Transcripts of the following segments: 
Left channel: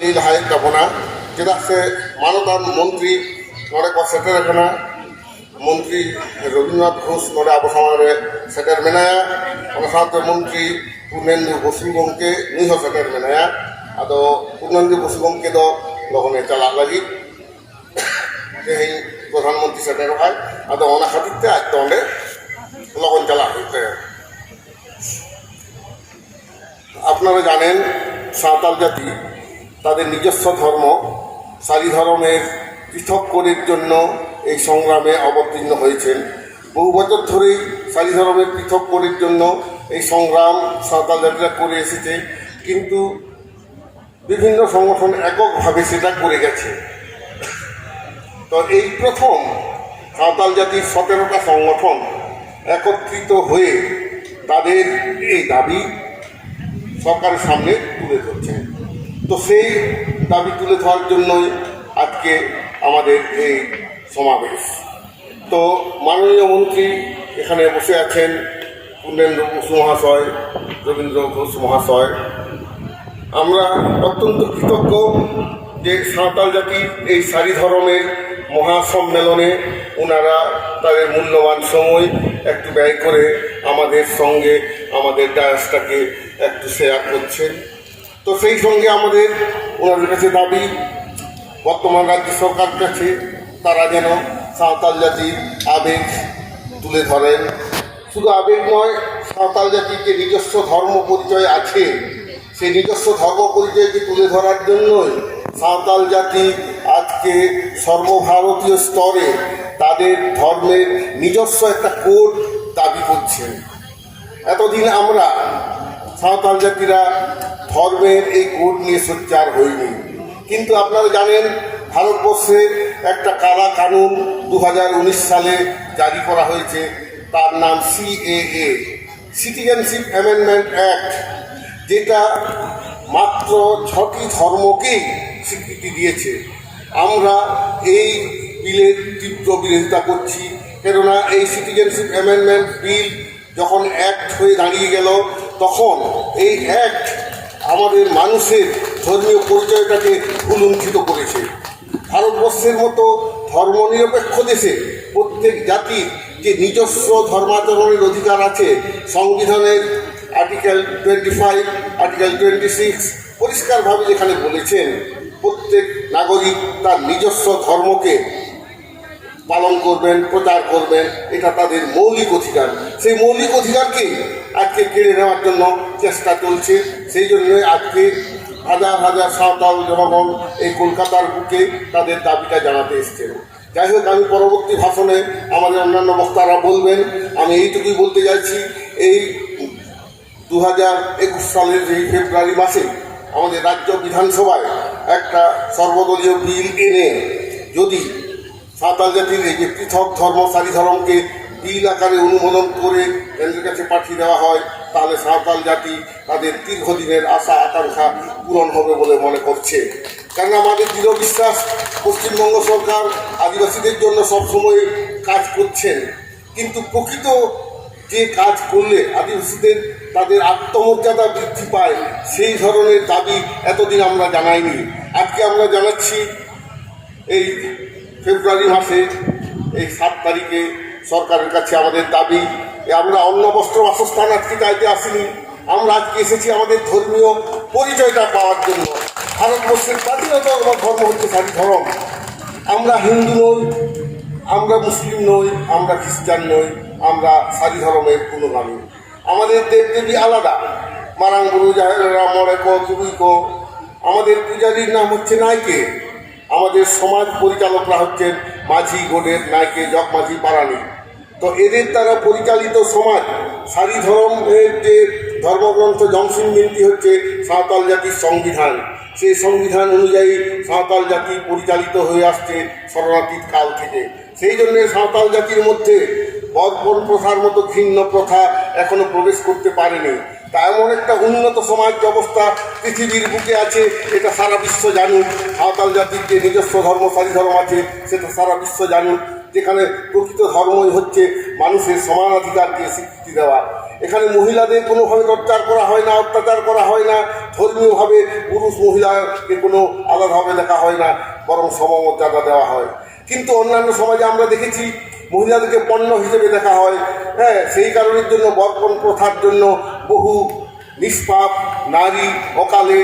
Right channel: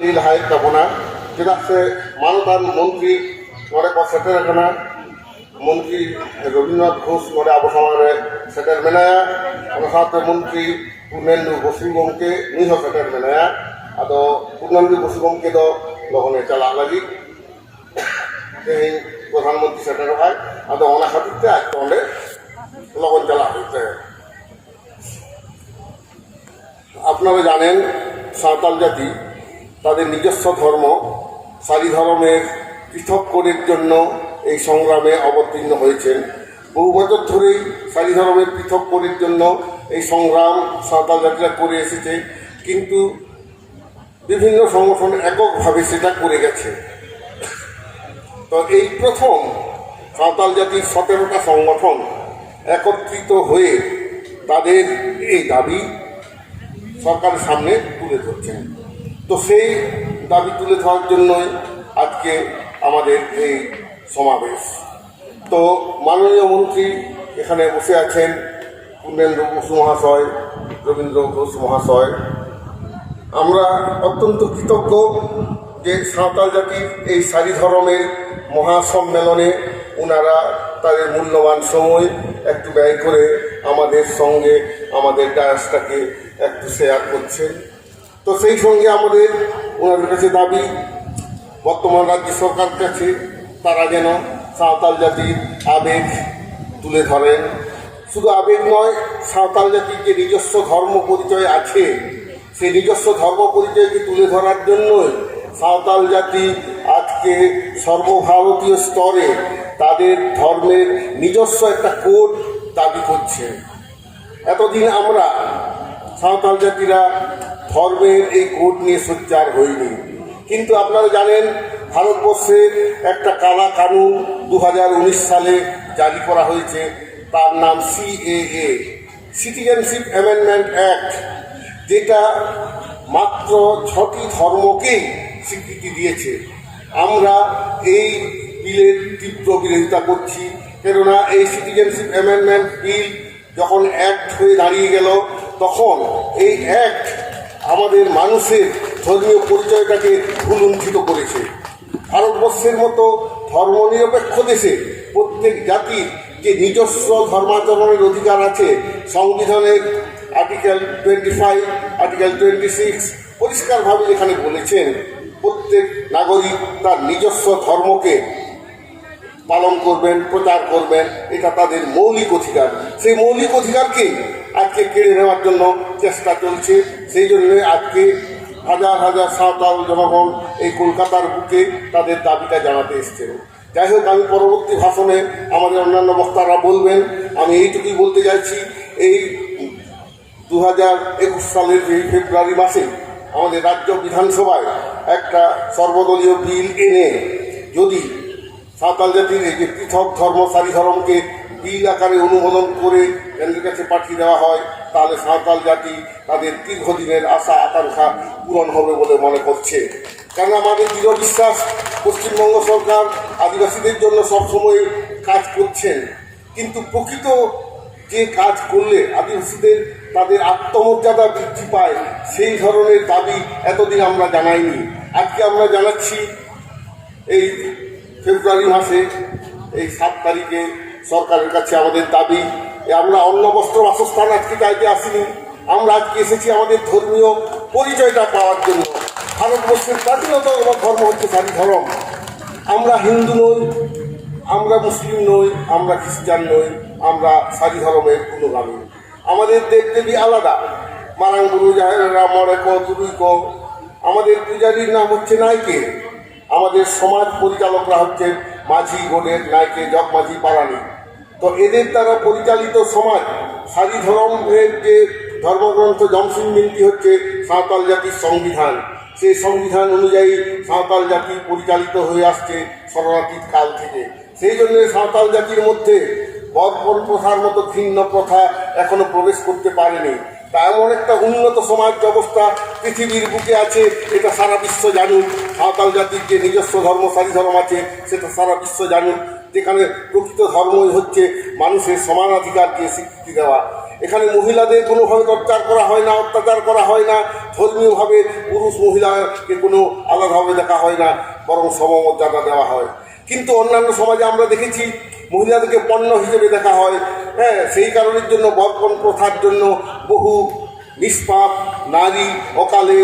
नील हाय तबना चेदा से मानदान मंत्री नोड़े को सेटर कना मंत्री रवींद्रनाथ घोष नोड़े आबो समाज सेटर मेनाया ओना साथे मंत्री पूर्णेंदु बसु गमके नुई हो सेटर मेनाया आदो पूर्णेंदु बसु गमके दो लगने चला लगी तेही प्रधानमंत्री सेटर हाय आदो ओना खातिर ते आज तो ओंडे लगन चला हইতে আপনারা জানেন সাঁওতাল জাতি তাদের নিজস্ব ধর্ম সারি ধর্মের পৃথক করার জন্য এই সংগ্রামে অবতীর্ণ হয়েছেন। বহু বছর ধরেই সারি ধর্মের পৃথক করার জন্য এই সংগ্রাম সাঁওতাল জাতিরা করে এসেছে, কিন্তু বিভিন্ন সংগঠন এককভাবে সেটা করে গেছে। তো এই প্রথম সাঁওতাল জাতির 17টা সংগঠন একত্রিত হয়ে তাদের এই দাবি সরকারের সামনে তুলে ধরছেন। তো সেই দাবি তুলে ধরার জন্যই আজকে আমাদের এই সমাবেশ। তো মাননীয় মন্ত্রী এখানে বসে আছেন, পূর্ণেন্দু বসু মহাশয়, রবীন্দ্র ঘোষ মহাশয়। আমরা অত্যন্ত কৃতজ্ঞ যে সাঁওতাল জাতির এই সারি ধর্মের মহাসম্মেলনে ওনারা তাদের মূল্যবান সময় একটু ব্যয় করে আমাদের সঙ্গে আমাদের ডায়াসটাকে একটু শেয়ার করছে। তো সেই সঙ্গে আমাদের ওনাদের কাছে দাবি বর্তমান রাজ্য সরকার কাছে তারা যেন সাঁওতাল জাতির আবেগ তুলে ধরেন। শুধু আবেগ নয়, সাঁওতাল জাতির যে নিজস্ব ধর্ম পরিচয় আছে সেই নিজস্ব ধর্ম পরিচয়কে তুলে ধরার জন্যই সাঁওতাল জাতি আজকে সর্বভারতীয় স্তরে তাদের ধর্মের নিজস্ব একটা কোড দাবি করছেন। এতদিন আমরা সাঁওতাল জাতিরা ধর্মের এই কোড নিয়ে সোচ্চার হইনি, কিন্তু আপনারা জানেন ভারতবর্ষে একটা কালা কানুন 2019 সালে জারি করা হয়েছে, তার নাম CAA, সিটিজেনশিপ অ্যামেন্ডমেন্ট অ্যাক্ট, যেটা মাত্র 6টি ধর্মকেই স্বীকৃতি দিয়েছে। আমরা এই বিলের তীব্র বিরোধিতা করছি, কেননা এই সিটিজেনশিপ অ্যামেন্ডমেন্ট বিল যখন অ্যাক্ট হয়ে দাঁড়িয়ে গেল তখন এই অ্যাক্ট আমাদের মানুষের ধর্মীয় পরিচয়টাকে ভুলুণ্ঠিত করেছে। ভারতবর্ষের মতো ধর্মনিরপেক্ষ দেশে প্রত্যেক জাতির যে নিজস্ব ধর্মাচরণের অধিকার আছে, সংবিধানের আর্টিকেল 25, আর্টিকেল 26 পরিষ্কারভাবে যেখানে বলেছেন প্রত্যেক নাগরিক তার নিজস্ব ধর্মকে পালন করবেন, প্রচার করবেন, এটা তাদের মৌলিক অধিকার। সেই মৌলিক অধিকারকে আজকে কেড়ে নেওয়ার জন্য চেষ্টা চলছে। সেই জন্য আজকে হাজার হাজার সাঁওতাল জনগণ এই কলকাতার বুকে তাদের দাবিটা জানাতে এসছেন। যাই হোক, আমি পরবর্তী ভাষণে আমাদের অন্যান্য বক্তারা বলবেন। আমি এইটুকুই বলতে চাইছি, এই 2021 সালের এই ফেব্রুয়ারি মাসে আমাদের রাজ্য বিধানসভায় একটা সর্বদলীয় বিল এনে যদি সাঁওতাল জাতির এই যে পৃথক ধর্ম সারি ধর্মকে বিল আকারে অনুমোদন করে কেন্দ্রের কাছে পাঠিয়ে দেওয়া হয়, তাহলে সাঁওতাল জাতি তাদের দীর্ঘদিনের আশা আকাঙ্ক্ষা পূরণ হবে বলে মনে করছে। কারণ আমাদের দৃঢ় বিশ্বাস পশ্চিমবঙ্গ সরকার আদিবাসীদের জন্য সবসময় কাজ করছেন, কিন্তু প্রকৃত যে কাজ করলে আদিবাসীদের তাদের আত্মমর্যাদা বৃদ্ধি পায় সেই ধরনের দাবি এতদিন আমরা জানাইনি। আজকে আমরা জানাচ্ছি এই ফেব্রুয়ারি মাসে এই 7 তারিখে সরকারের কাছে আমাদের দাবি। আমরা অন্ন বস্ত্র বাসস্থান আজকে চাইতে আসিনি, আমরা আজকে এসেছি আমাদের ধর্মীয় পরিচয়টা পাওয়ার জন্য। ভারতবর্ষের প্রাচীনতম ধর্ম হচ্ছে সারি ধর্ম। আমরা হিন্দু নই, আমরা মুসলিম নই, আমরা খ্রিস্টান নই, আমরা সারি ধর্মের অনুগামী। আমাদের দেবদেবী আলাদা, মারাং গুরু জাহেরা মরেক তুরুইক। আমাদের পূজারীর নাম হচ্ছে নাইকে। আমাদের সমাজ পরিচালকরা হচ্ছেন মাঝি, গোডের, নাইকে, জগমাঝি, পারানি। তো এদের দ্বারা পরিচালিত সমাজ সারি ধর্মের যে ধর্মগ্রন্থ জমসিং মিন্তি হচ্ছে সাঁওতাল জাতির সংবিধান। সেই সংবিধান অনুযায়ী সাঁওতাল জাতি পরিচালিত হয়ে আসছে শরণাতীত কাল থেকে। সেই জন্য সাঁওতাল জাতির মধ্যে বর্বর প্রথার মতো ঘৃণ্য প্রথা এখনো প্রবেশ করতে পারেনি। তা এমন একটা উন্নত সমাজ ব্যবস্থা পৃথিবীর বুকে আছে, এটা সারা বিশ্ব জানুক। সাঁওতাল জাতির যে নিজস্ব ধর্ম সারি ধর্ম আছে সেটা সারা বিশ্ব জানুক, যেখানে প্রকৃত ধর্মই হচ্ছে মানুষের সমানাধিকারকে স্বীকৃতি দেওয়া। এখানে মহিলাদের কোনোভাবে টর্চার করা হয় না, অত্যাচার করা হয় না, ধর্মীয়ভাবে পুরুষ মহিলাকে কোনো আলাদাভাবে দেখা হয় না, বরং সমমর্যাদা দেওয়া হয়। কিন্তু অন্যান্য সমাজে আমরা দেখেছি মহিলাদেরকে পণ্য হিসেবে দেখা হয়। হ্যাঁ, সেই কারণের জন্য বর্পণ প্রথার জন্য বহু নিষ্পাপ নারী অকালে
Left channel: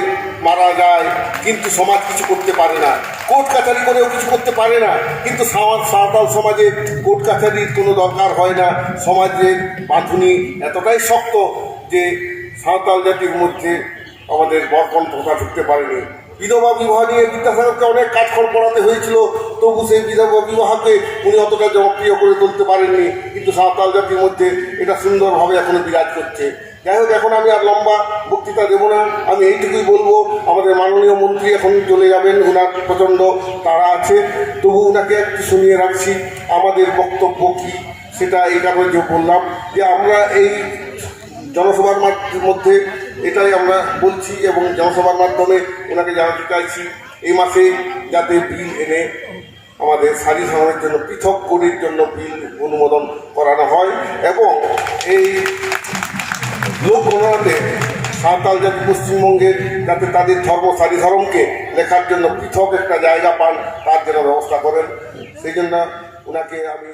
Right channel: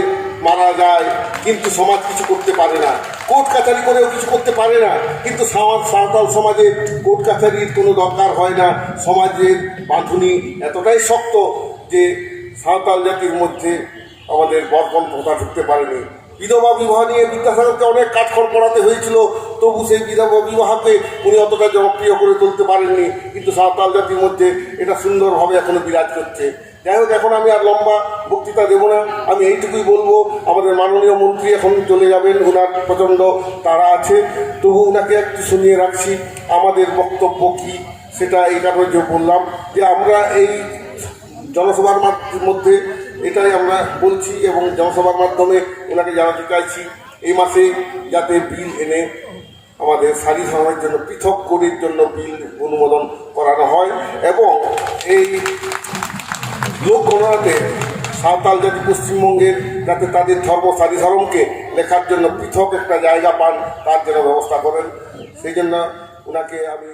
মারা যায়, কিন্তু সমাজ কিছু করতে পারে না, কোর্ট কাছারি করেও কিছু করতে পারে না। কিন্তু সাঁওতাল সমাজে কোর্ট কাছারির কোনো দরকার হয় না। সমাজের বাঁধুনি এতটাই শক্ত যে সাঁওতাল জাতির মধ্যে আমাদের বর্পণ প্রথা ঢুকতে পারেনি। বিধবা বিবাহ নিয়ে বিদ্যাসাগরকে অনেক কাজকর্ম করাতে হয়েছিল, তবু সেই বিধবা বিবাহকে উনি অতটা জনপ্রিয় করে তুলতে পারেননি। কিন্তু সাঁওতাল জাতির মধ্যে এটা সুন্দরভাবে এখনো বিরাজ করছে। যাই হোক, এখন আমি আর লম্বা বক্তৃতা দেবো না, আমি এইটুকুই বলবো, আমাদের মাননীয় মন্ত্রী এখন চলে যাবেন, ওনার প্রচণ্ড তাড়া আছে, তবু ওনাকে একটু শুনিয়ে রাখছি আমাদের বক্তব্য কী। সেটা এই কারণে যে বললাম যে আমরা এই জনসভার মধ্যে এটাই আমরা বলছি এবং জনসভার মাধ্যমে ওনাকে জানাতে চাইছি এই মাসে যাতে বিল এনে আমাদের সারি ধর্মের জন্য পৃথক করির জন্য বিল অনুমোদন করানো হয় এবং এই লোক গণনাতে সাঁওতাল জাতি পশ্চিমবঙ্গের যাতে তাদের ধর্ম সারি ধর্মকে লেখার জন্য পৃথক একটা জায়গা পান, তার জন্য ব্যবস্থা করেন। সেই জন্য ওনাকে আমি